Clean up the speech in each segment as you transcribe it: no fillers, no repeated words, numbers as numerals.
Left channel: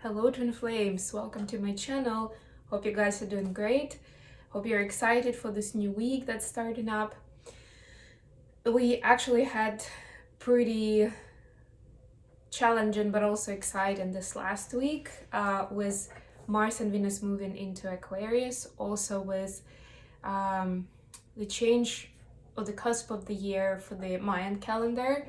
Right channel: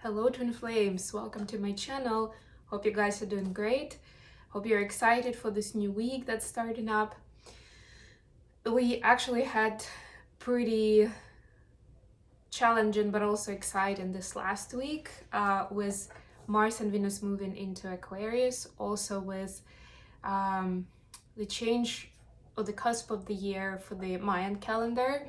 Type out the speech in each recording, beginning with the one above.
Hello twin flames, welcome to my channel. Hope you guys are doing great. Hope you're excited for this new week that's starting up. We actually had pretty challenging but also exciting this last week with Mars and Venus moving into Aquarius, also with the change or the cusp of the year for the Mayan calendar.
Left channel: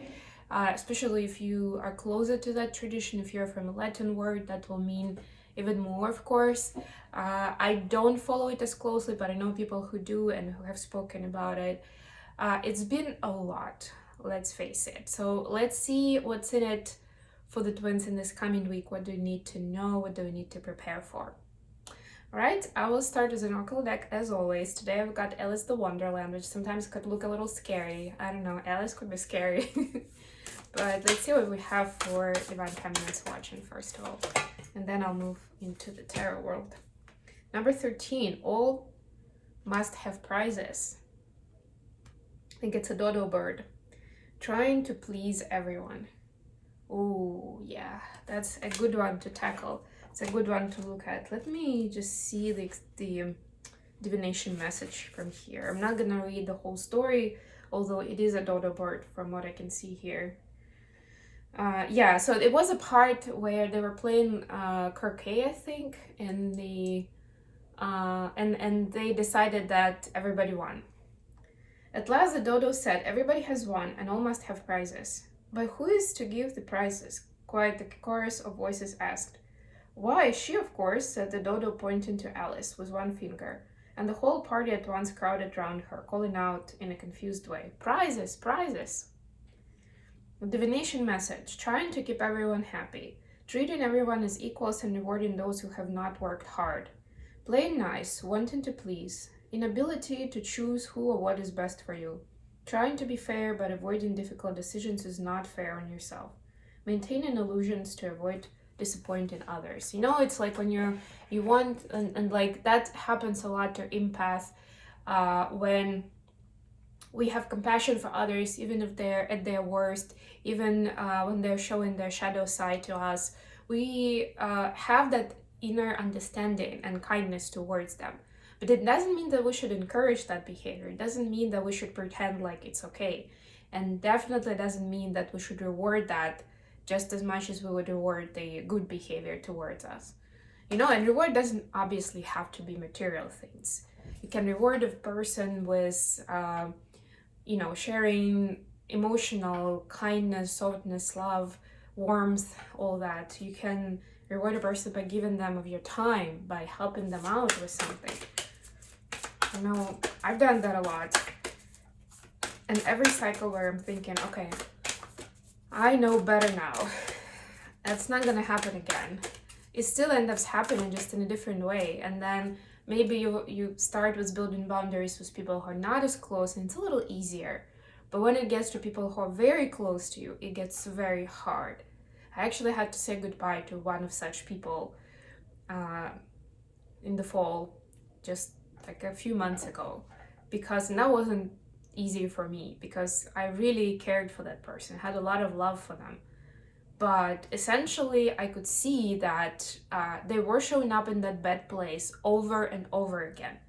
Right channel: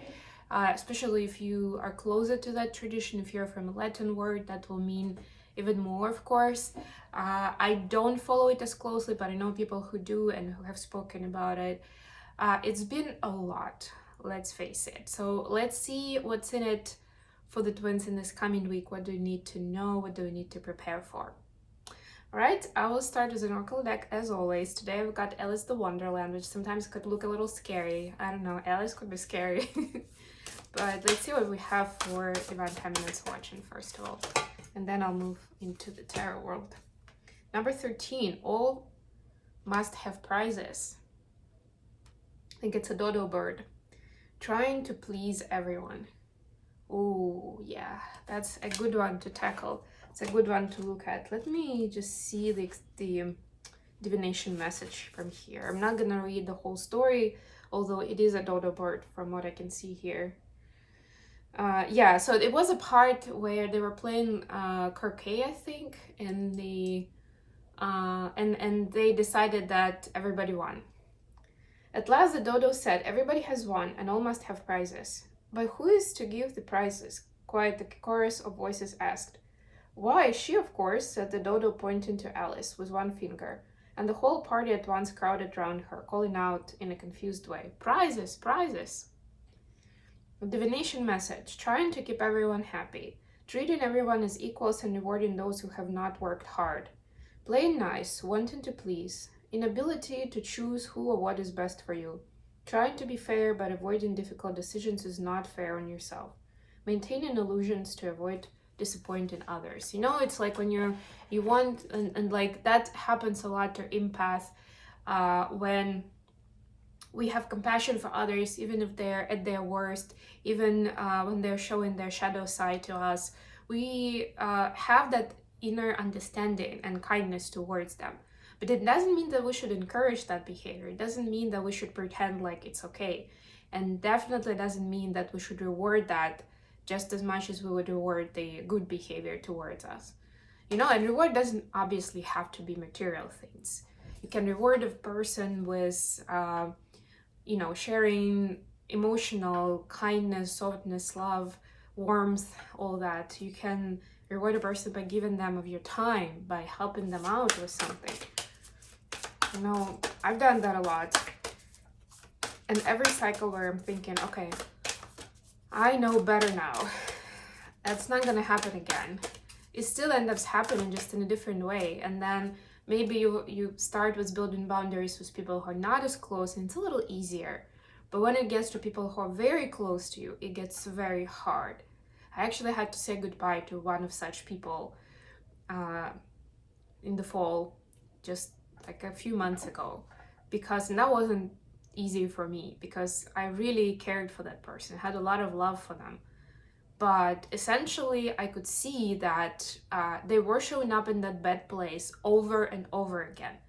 Especially if you are closer to that tradition, if you're from a Latin word, that will mean even more, of course. I don't follow it as closely, but I know people who do and who have spoken about it. It's been a lot, let's face it. So let's see what's in it for the twins in this coming week. What do we need to know? What do we need to prepare for? All right, I will start with an oracle deck as always. Today I've got Alice the Wonderland, which sometimes could look a little scary. I don't know, Alice could be scary. But let's see what we have for Divine Feminines watching first of all. And then I'll move into the tarot world. Number 13, all must have prizes. I think it's a dodo bird. Trying to please everyone. Oh, yeah, that's a good one to tackle. It's a good one to look at. Let me just see the divination message from here. I'm not gonna read the whole story, although it is a dodo bird from what I can see here. Yeah, so it was a part where they were playing croquet, I think, and they decided that everybody won. At last the dodo said, "Everybody has won, and all must have prizes." "But who is to give the prizes?" quite the chorus of voices asked. "Why, she, of course," said the dodo, pointing to Alice with one finger, and the whole party at once crowded round her, calling out in a confused way, "Prizes, prizes!" The divination message, trying to keep everyone happy, treating everyone as equals and rewarding those who have not worked hard, playing nice, wanting to please, inability to choose who or what is best for you, trying to be fair but avoiding difficult decisions is not fair on yourself, maintaining illusions to avoid disappointing others. You know, it's like when you want, and like that happens a lot to empath when we have compassion for others, even if they're at their worst, even when they're showing their shadow side to us. We have that inner understanding and kindness towards them. But it doesn't mean that we should encourage that behavior. It doesn't mean that we should pretend like it's okay. And definitely doesn't mean that we should reward that just as much as we would reward the good behavior towards us. You know, and reward doesn't obviously have to be material things. You can reward a person with sharing emotional kindness, softness, love, warmth, all that. You can reward a person by giving them of your time, by helping them out with something. You know, I've done that a lot. And every cycle where I'm thinking, okay, I know better now. That's not gonna happen again. It still ends up happening, just in a different way. And then maybe you start with building boundaries with people who are not as close, and it's a little easier. But when it gets to people who are very close to you, it gets very hard. I actually had to say goodbye to one of such people in the fall, just like a few months ago, because that wasn't easy for me, because I really cared for that person, had a lot of love for them. But essentially, I could see that they were showing up in that bad place over and over again.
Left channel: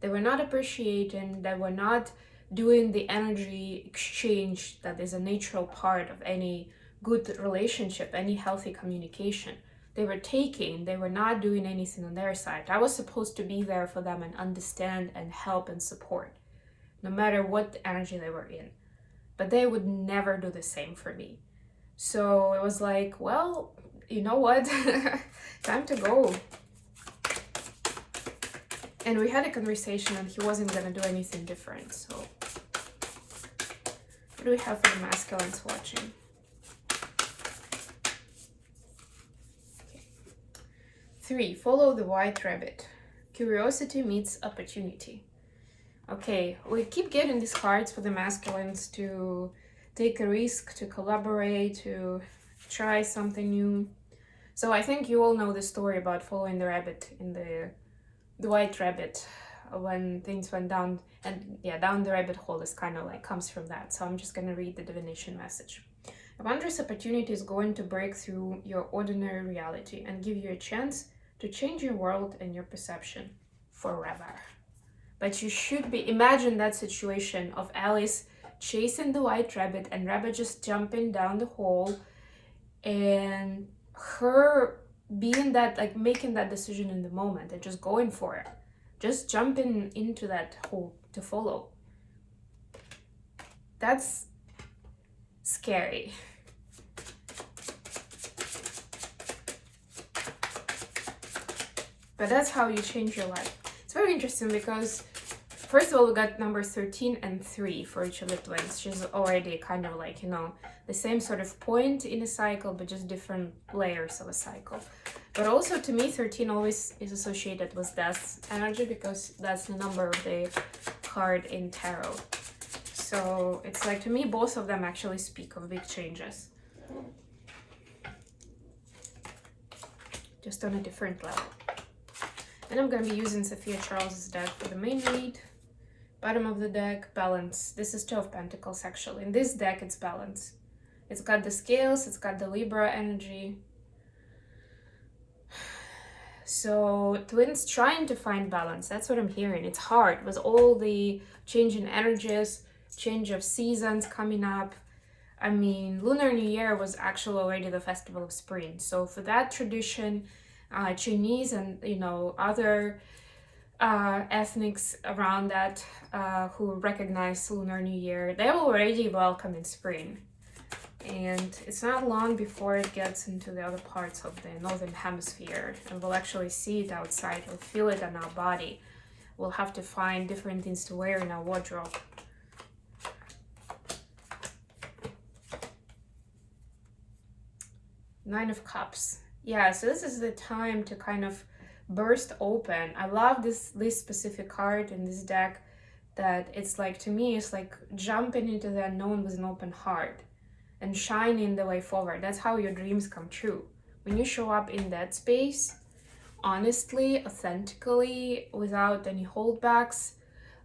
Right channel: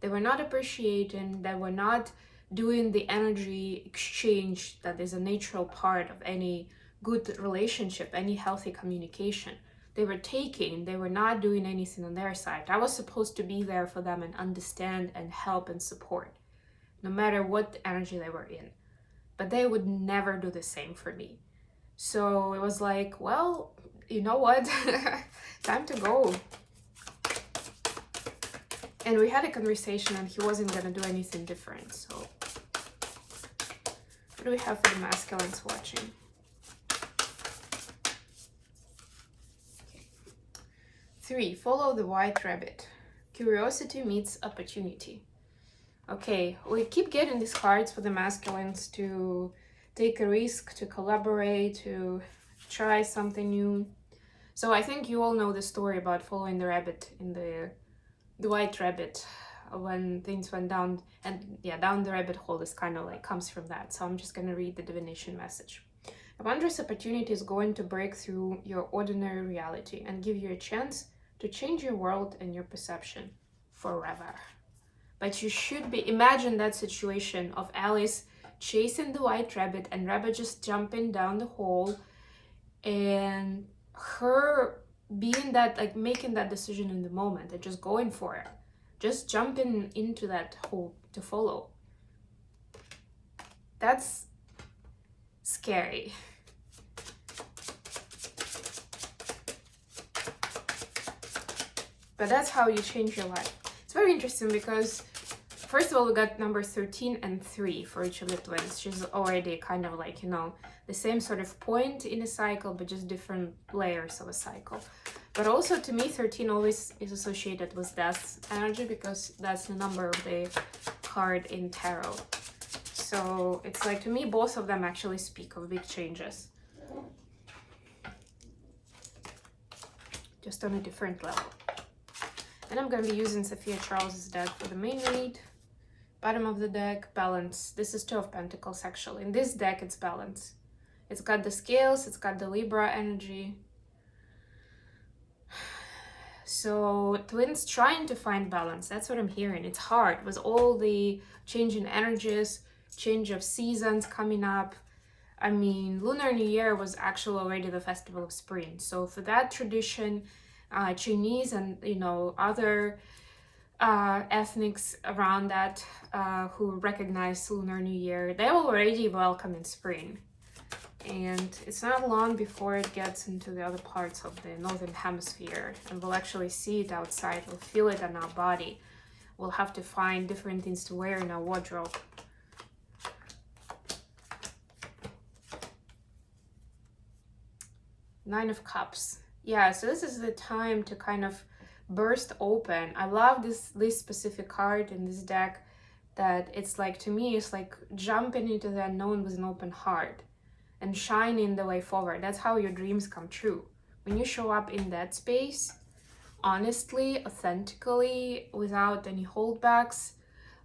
They were not appreciating, they were not doing the energy exchange that is a natural part of any good relationship, any healthy communication. They were taking, they were not doing anything on their side. I was supposed to be there for them and understand and help and support, no matter what energy they were in. But they would never do the same for me. So it was like, well, you know what? Time to go. And we had a conversation and he wasn't gonna do anything different. So what do we have for the masculines watching? Okay. 3, follow the white rabbit. Curiosity meets opportunity. Okay, we keep getting these cards for the masculines to take a risk, to collaborate, to try something new. So I think you all know the story about following the rabbit in the white rabbit, when things went down, and yeah, down the rabbit hole is kind of like comes from that. So I'm just gonna read the divination message. A wondrous opportunity is going to break through your ordinary reality and give you a chance to change your world and your perception forever. But you should be, imagine that situation of Alice chasing the white rabbit and rabbit just jumping down the hole, and her being that, like, making that decision in the moment and just going for it, just jumping into that hole to follow. That's scary. But that's how you change your life. It's very interesting because, first of all, we got number 13 and 3 for each of the twins, which is already kind of like, you know, the same sort of point in a cycle, but just different layers of a cycle. But also, to me, 13 always is associated with death energy because that's the number of the card in tarot. So it's like, to me, both of them actually speak of big changes, just on a different level. And I'm going to be using Sophia Charles's deck for the main read. Bottom of the deck, balance. This is 2 of Pentacles, actually. In this deck, it's balance. It's got the scales, it's got the Libra energy. So twins trying to find balance. That's what I'm hearing. It's hard with all the change in energies, change of seasons coming up. I mean, Lunar New Year was actually already the festival of spring. So for that tradition, Chinese and, you know, other ethnics around that who recognize Lunar New Year, they're already welcoming spring. And it's not long before it gets into the other parts of the northern hemisphere, and we'll actually see it outside. We'll feel it on our body. We'll have to find different things to wear in our wardrobe. Nine of Cups. Yeah, so this is the time to kind of burst open. I love this specific card in this deck, that it's like, to me, it's like jumping into the unknown with an open heart and shining the way forward. That's how your dreams come true. When you show up in that space, honestly, authentically, without any holdbacks,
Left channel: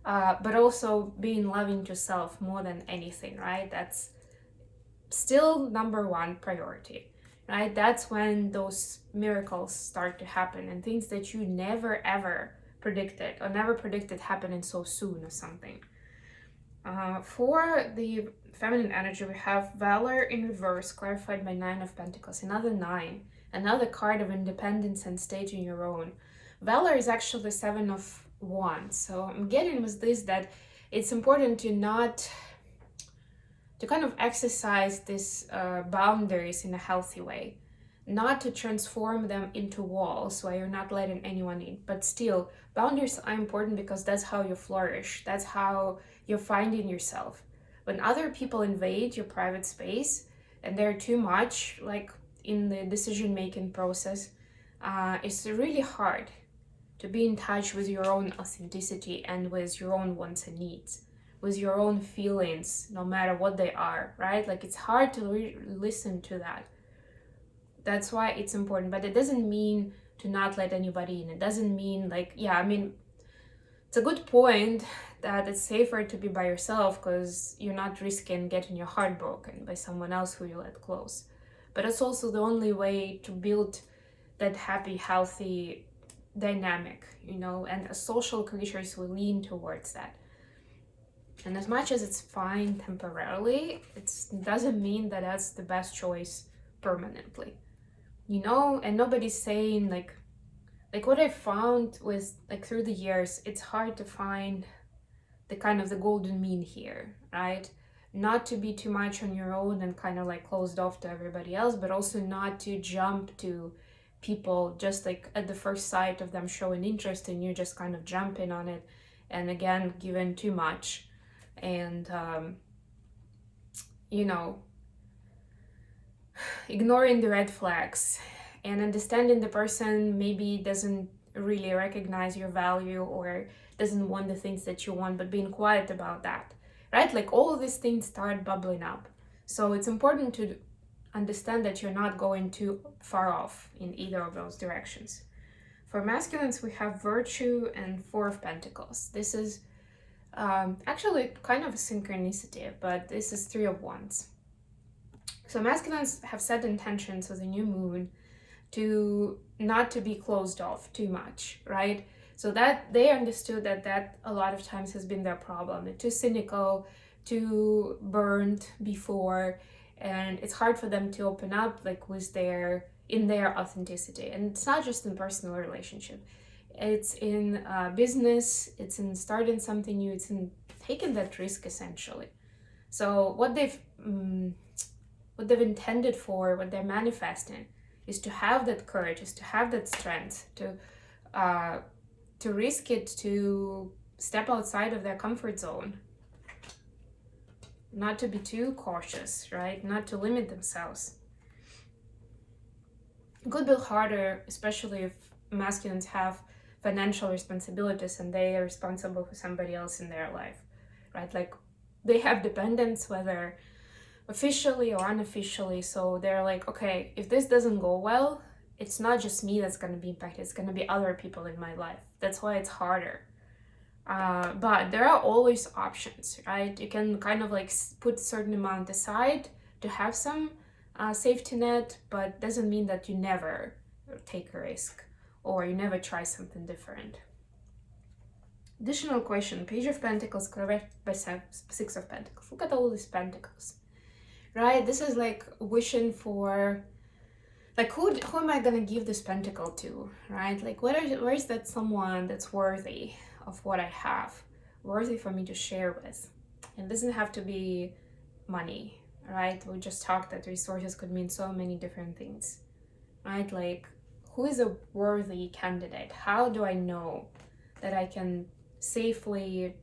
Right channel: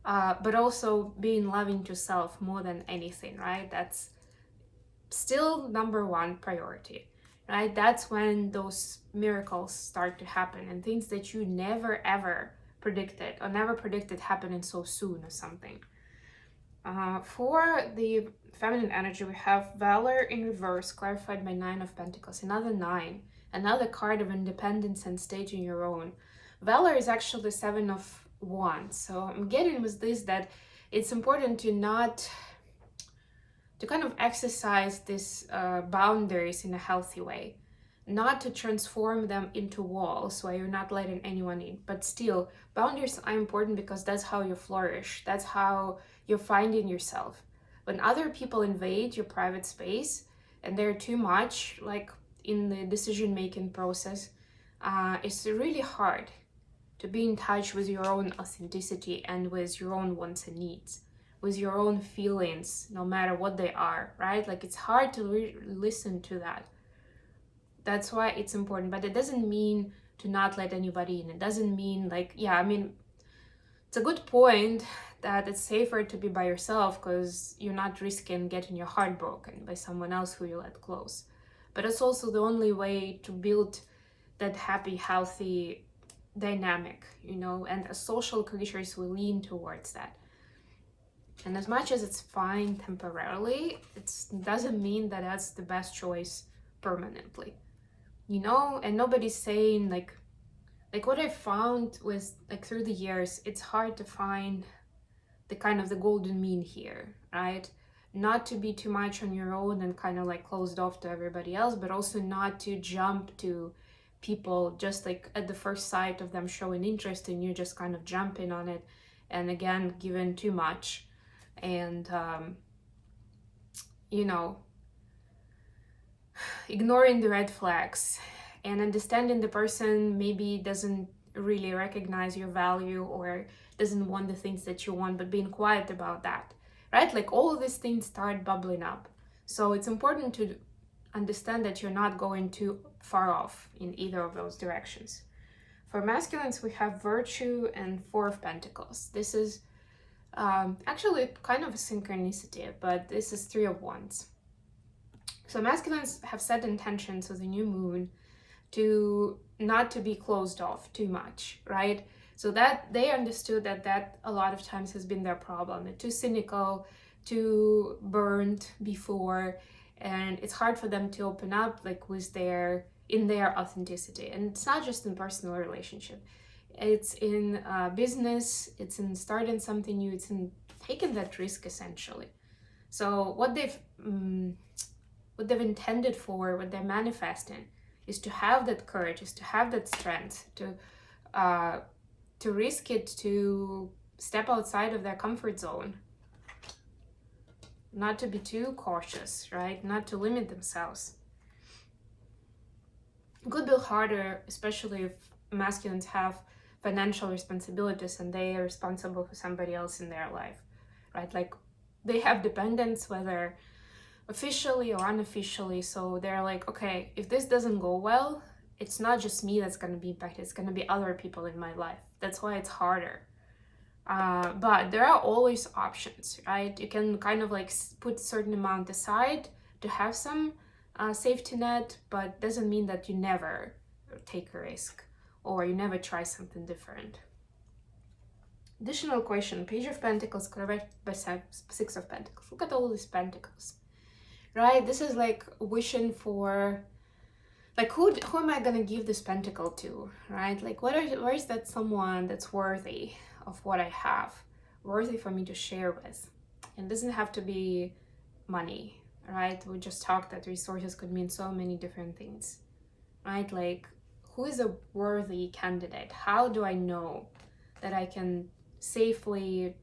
but also being loving to yourself more than anything, right? That's still number one priority. Right? That's when those miracles start to happen, and things that you never ever predicted or never predicted happening so soon or something. For the feminine energy, we have Valor in reverse, clarified by 9 of Pentacles. Another 9, another card of independence and staging your own. Valor is actually the 7 of Wands. So I'm getting with this that it's important to kind of exercise these boundaries in a healthy way, not to transform them into walls where you're not letting anyone in, but still, boundaries are important because that's how you flourish. That's how you're finding yourself. When other people invade your private space and they're too much, like in the decision-making process, it's really hard to be in touch with your own authenticity and with your own wants and needs, with your own feelings, no matter what they are, right? Like, it's hard to listen to that. That's why it's important, but it doesn't mean to not let anybody in. It doesn't mean, like, yeah, I mean, it's a good point that it's safer to be by yourself because you're not risking getting your heart broken by someone else who you let close. But it's also the only way to build that happy, healthy dynamic, you know, and as social creatures, we lean towards that. And as much as it's fine temporarily, it doesn't mean that that's the best choice permanently, you know. And nobody's saying like what I found was, like, through the years, it's hard to find the kind of the golden mean here, right? Not to be too much on your own and kind of like closed off to everybody else, but also not to jump to people just like at the first sight of them showing interest and you just kind of jumping on it, and again, giving too much. And you know, ignoring the red flags and understanding the person maybe doesn't really recognize your value or doesn't want the things that you want, but being quiet about that, right? Like, all of these things start bubbling up. So it's important to understand that you're not going too far off in either of those directions. For masculines, we have Virtue and 4 of Pentacles. This is actually kind of a synchronicity, but this is 3 of Wands. So masculines have set intentions with a new moon to not to be closed off too much, right? So that they understood that a lot of times has been their problem. They're too cynical, too burned before, and it's hard for them to open up like with in their authenticity. And it's not just in personal relationship, it's in business, it's in starting something new, it's in taking that risk essentially. So what they've intended for, what they're manifesting, is to have that courage, is to have that strength, to risk it, to step outside of their comfort zone, not to be too cautious, right? Not to limit themselves. It could be harder, especially if masculines have financial responsibilities and they are responsible for somebody else in their life, right? Like they have dependents, whether officially or unofficially. So they're like, okay, if this doesn't go well, it's not just me that's going to be impacted, it's going to be other people in my life. That's why it's harder. But there are always options, right? You can kind of like put a certain amount aside to have some safety net, but doesn't mean that you never take a risk or you never try something different. Additional question, Page of Pentacles, clarified by Six of Pentacles. Look at all these pentacles, right? This is like wishing for, like, who am I gonna give this pentacle to, right? Like, where is that someone that's worthy of what I have, worthy for me to share with? And it doesn't have to be money, right? We just talked that resources could mean so many different things, right? Like, who is a worthy candidate? How do I know that I can safely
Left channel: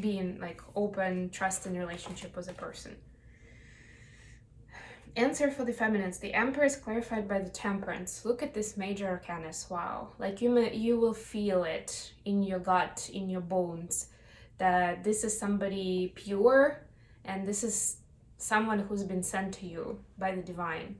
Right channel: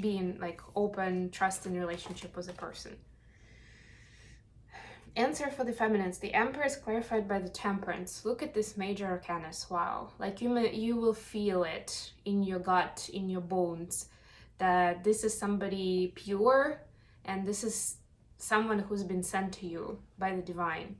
be in like open, trusting relationship with a person? Answer for the feminines. The Empress clarified by the Temperance. Look at this major arcana. Wow. Like you will feel it in your gut, in your bones, that this is somebody pure and this is someone who's been sent to you by the divine.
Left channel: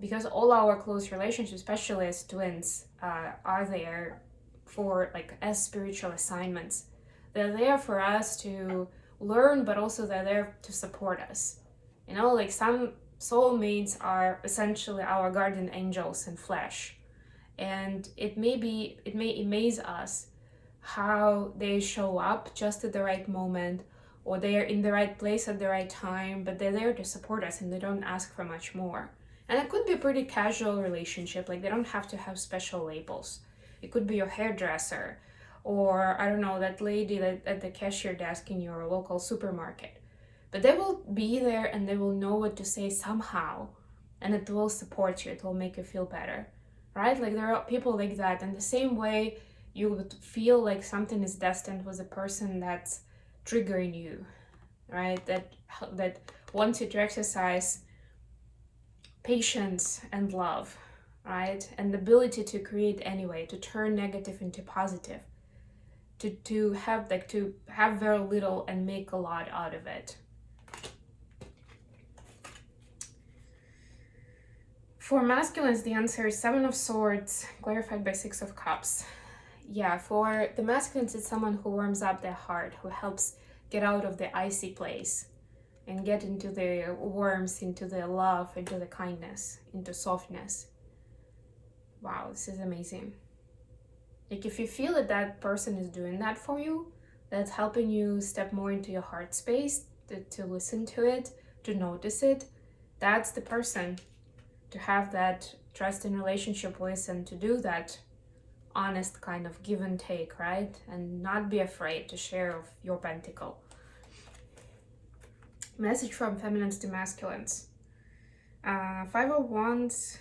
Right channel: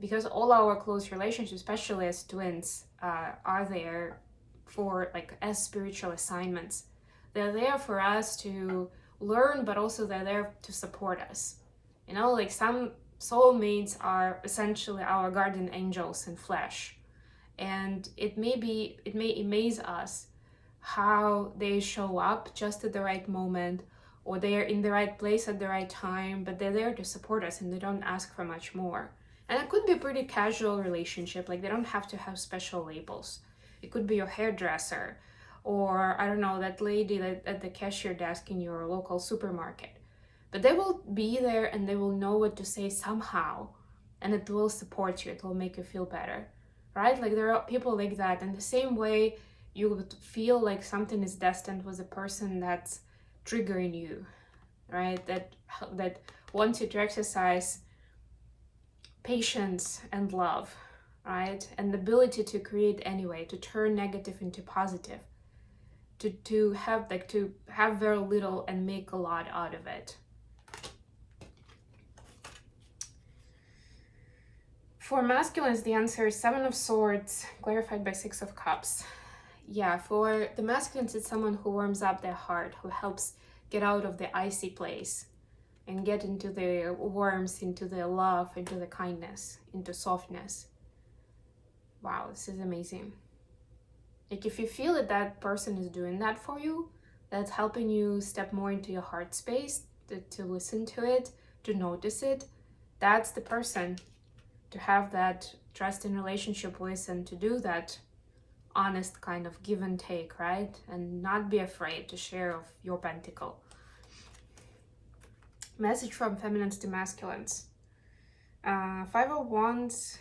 Because all our close relationships, especially as twins, are there for like as spiritual assignments. They're there for us to learn, but also they're there to support us. You know, like some soulmates are essentially our guardian angels in flesh, and it may amaze us how they show up just at the right moment, or they are in the right place at the right time, but they're there to support us and they don't ask for much more. And it could be a pretty casual relationship, like they don't have to have special labels. It could be your hairdresser, or I don't know, that lady at the cashier desk in your local supermarket. But they will be there and they will know what to say somehow, and it will support you, it will make you feel better, right? Like there are people like that. And the same way you would feel like something is destined with a person that's triggering you, right? That wants you to exercise patience and love, right? And the ability to create anyway, to turn negative into positive, to have very little and make a lot out of it. For masculines, the answer is Seven of Swords, clarified by Six of Cups. Yeah, for the masculines, it's someone who warms up their heart, who helps get out of the icy place and get into the warmth, into the love, into the kindness, into softness. Wow, this is amazing. Like if you feel that that person is doing that for you, that's helping you step more into your heart space, to listen to it, to notice it, that's the person to have that trust in relationship with, and to do that honest kind of give and take, right? And not be afraid to share of your pentacle. Message from feminines to masculines. Five of Wands,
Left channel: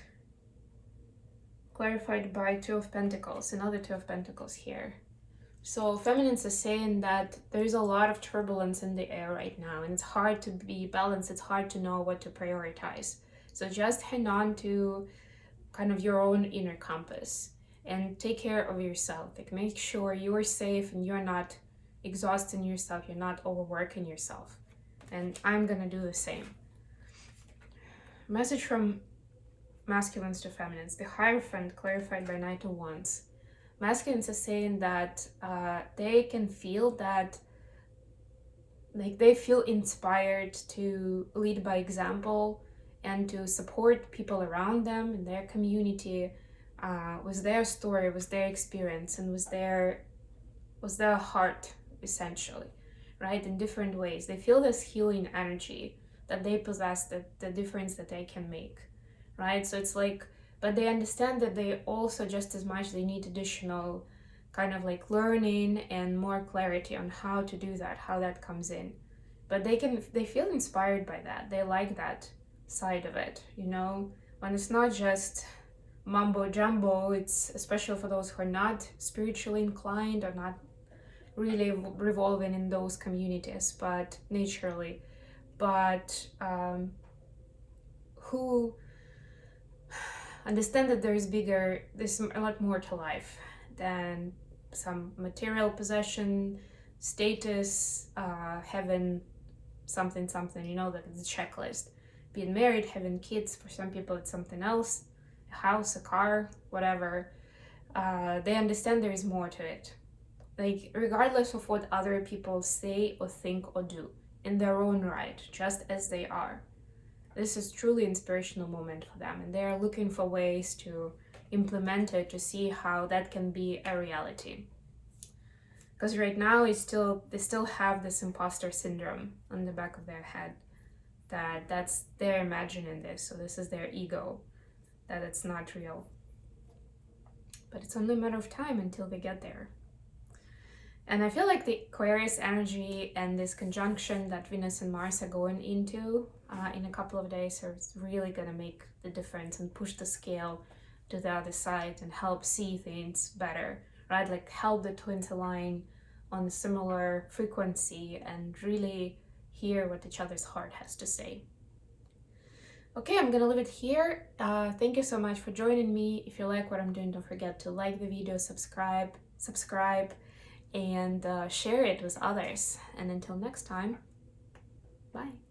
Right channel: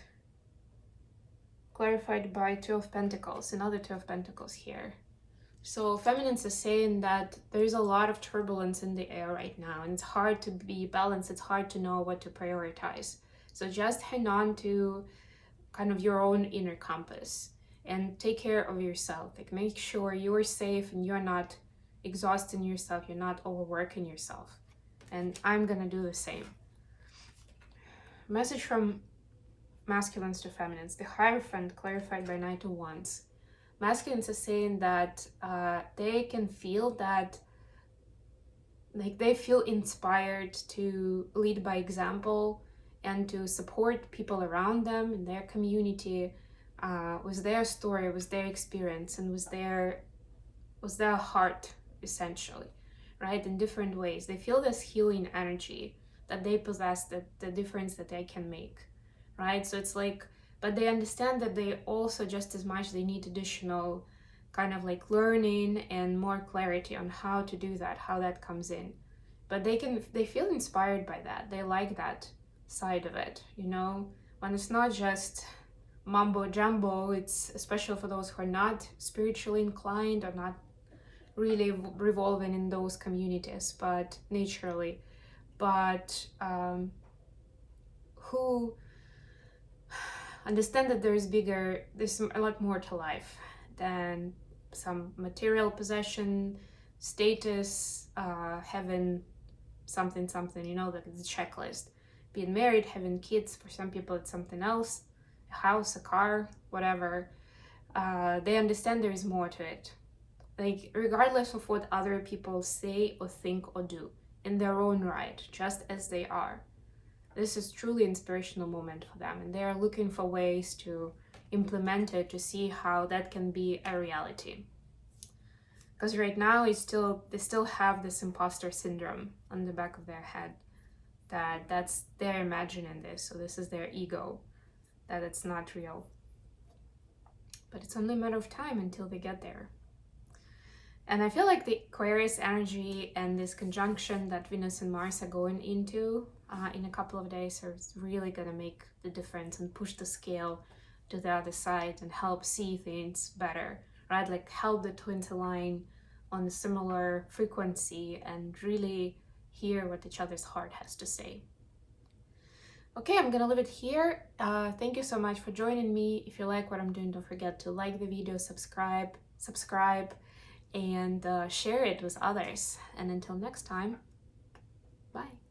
clarified by Two of Pentacles, another Two of Pentacles here. So feminines are saying that there's a lot of turbulence in the air right now, and it's hard to be balanced, it's hard to know what to prioritize. So just hang on to kind of your own inner compass and take care of yourself. Like make sure you are safe and you're not exhausting yourself, you're not overworking yourself. And I'm gonna do the same. Message from masculines to feminines. The Hierophant, clarified by Knight of Wands. Masculines are saying that they can feel that, like they feel inspired to lead by example and to support people around them in their community with their story, with their experience, and with their heart, essentially, right? In different ways. They feel this healing energy that they possess, the difference that they can make, right? So it's like, but they understand that they also just as much, they need additional kind of like learning and more clarity on how to do that, how that comes in. But they feel inspired by that. They like that side of it, you know, when it's not just mumbo jumbo. It's especially for those who are not spiritually inclined or not really revolving in those communities, but naturally, but who understand that there's a lot more to life than some material possession, status, having something, you know, like the checklist. Being married, having kids, for some people it's something else, a house, a car, whatever. They understand there is more to it. Like, regardless of what other people say or think or do, in their own right, just as they are. This is truly inspirational moment for them, and they are looking for ways to implement it, to see how that can be a reality. Because right now they still have this imposter syndrome on the back of their head, that's they're imagining this, so this is their ego, that it's not real. But it's only a matter of time until they get there. And I feel like the Aquarius energy and this conjunction that Venus and Mars are going into in a couple of days is really gonna make the difference and push the scale to the other side and help see things better, right? Like help the twins align on a similar frequency and really hear what each other's heart has to say. Okay, I'm gonna leave it here. Thank you so much for joining me. If you like what I'm doing, don't forget to like the video, subscribe, and share it with others. And until next time, bye.